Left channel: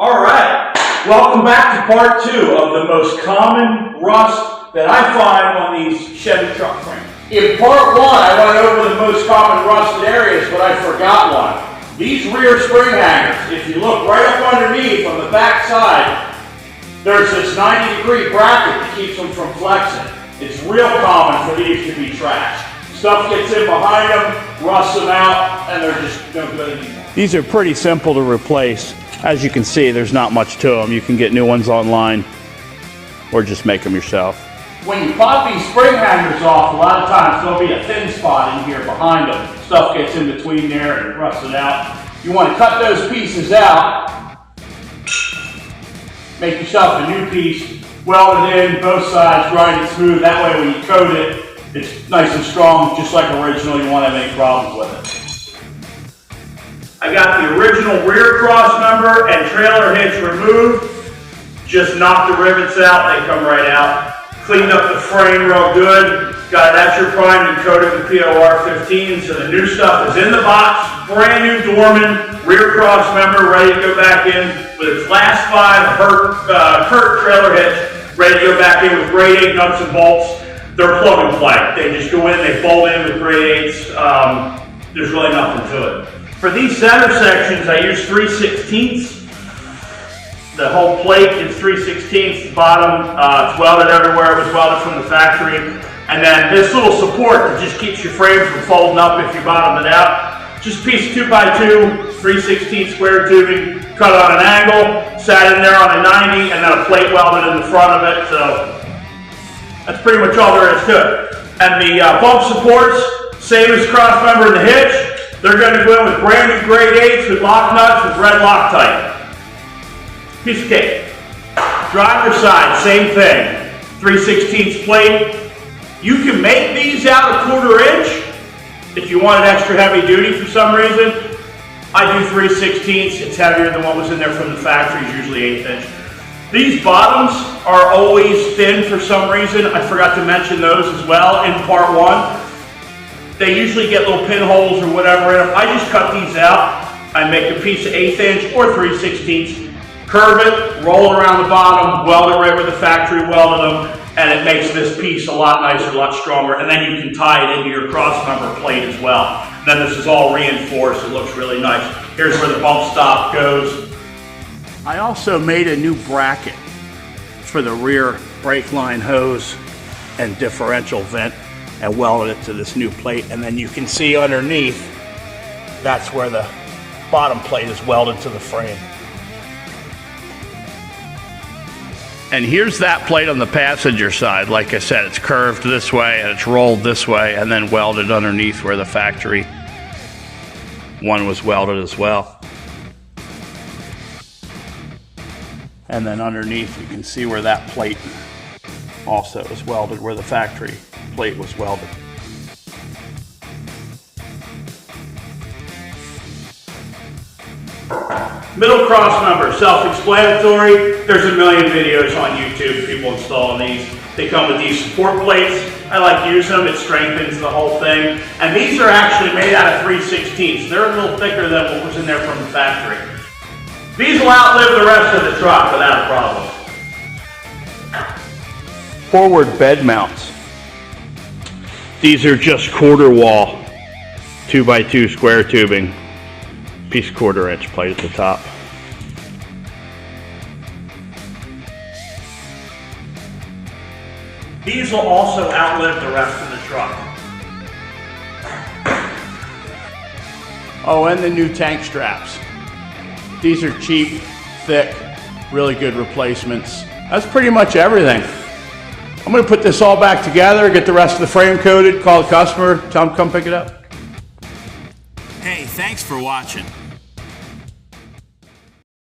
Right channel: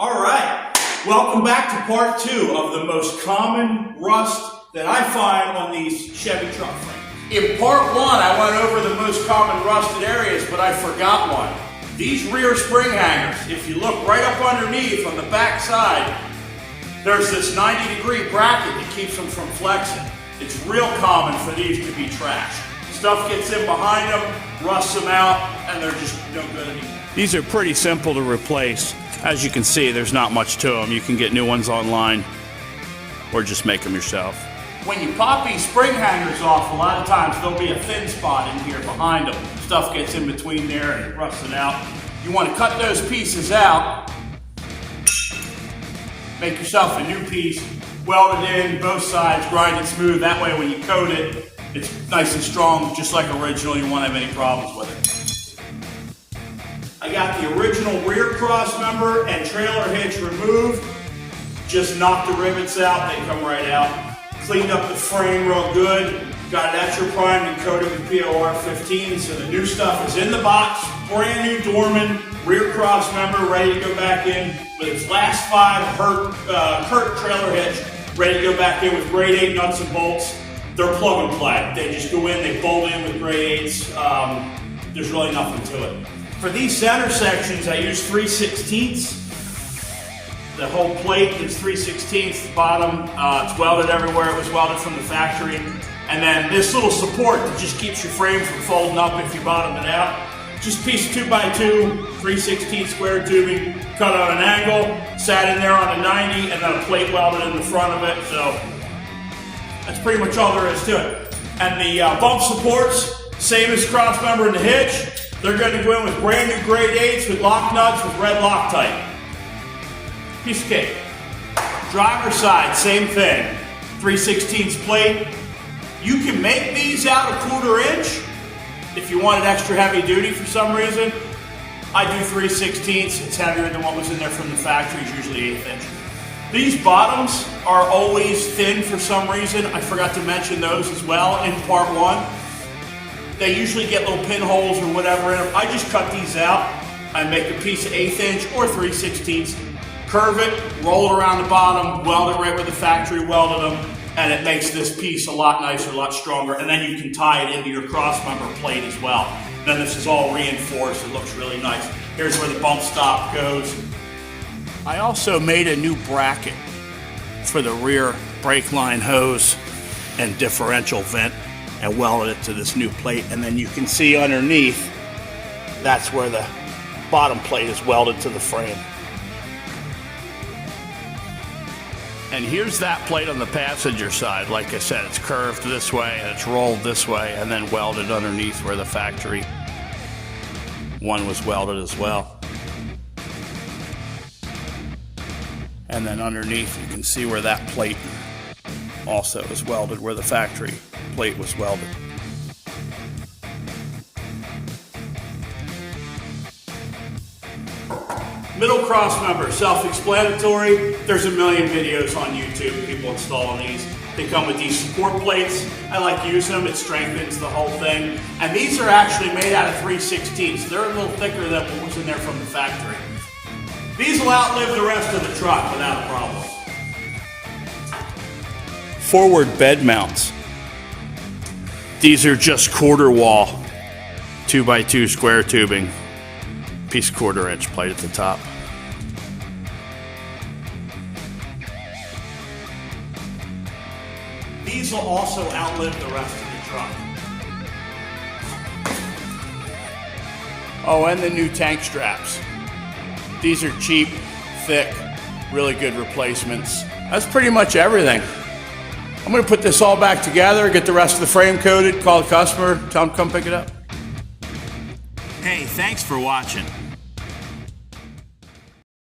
All right, welcome back to part 2 of the most common rust that I find on these Chevy truck frames. In part 1, I went over the most common rusted areas, but I forgot one. These rear spring hangers, if you look right up underneath on the back side, there's this 90-degree bracket that keeps them from flexing. It's real common for these to be trashed. Stuff gets in behind them, rusts them out, and they're just no good anymore. These are pretty simple to replace. As you can see, there's not much to them. You can get new ones online or just make them yourself. When you pop these spring hangers off, a lot of times there'll be a thin spot in here behind them. Stuff gets in between there and it rusts it out. You want to cut those pieces out, make yourself a new piece, weld it in, both sides, grind it smooth. That way when you coat it, it's nice and strong, just like original. You won't have any problems with it. I got the original rear cross member and trailer hitch removed. Just knocked the rivets out, they come right out. Cleaned up the frame real good. Got it at your primed and coated with POR 15, so the new stuff is in the box. Brand new Dorman rear cross member, ready to go back in with its last 5 Kurt trailer hitch, ready to go back in with grade 8 nuts and bolts. They're plug and play. They just go in, they bolt in with grade 8s. There's really nothing to it. For these center sections, I use 3/16. The whole plate is 3/16. The bottom, it's welded everywhere. It was welded from the factory. And then this little support that just keeps your frame from folding up if you bottom it out. Just a piece of 2x2, 3/16 square tubing, cut on an angle, sat in there on a 90, and then a plate welded in the front of it. So that's pretty much all there is to it. And the bump supports, same as cross member and the hitch. They're going to go in with brand new grade 8s with lock nuts with red Loctite. Piece of cake. Driver's side, same thing. 3/16 plate. You can make these out a 1/4 inch if you want it extra heavy duty for some reason. I do 3/16. It's heavier than what was in there from the factory, usually 1/8 inch. These bottoms are always thin for some reason. I forgot to mention those as well in part 1. They usually get little pinholes or whatever in them. I just cut these out. I make a piece of 1/8 inch or 3/16, curve it, roll it around the bottom, weld it right where the factory welded them, and it makes this piece a lot nicer, a lot stronger. And then you can tie it into your cross member plate as well. Then this is all reinforced. It looks really nice. Here's where the bump stop goes. I also made a new bracket for the rear brake line hose and differential vent, and welded it to this new plate. And then you can see underneath, that's where the bottom plate is welded to the frame. And here's that plate on the passenger side. Like I said, it's curved this way and it's rolled this way and then welded underneath where the factory one was welded as well. And then underneath you can see where that plate also is welded, where the factory plate was welded. Middle cross member, self-explanatory. There's a million videos on YouTube, people installing these. They come with these support plates. I like using them, it strengthens the whole thing. And these are actually made out of 3/16. They're a little thicker than what was in there from the factory. These will outlive the rest of the truck without a problem. Forward bed mounts. These are just 1/4 wall, 2x2 square tubing, piece of 1/4 inch plate at the top. These will also outlive the rest of the truck. Oh, and the new tank straps. These are cheap, thick, really good replacements. That's pretty much everything. I'm going to put this all back together, get the rest of the frame coated, call the customer, tell them to come pick it up. Hey, thanks for watching.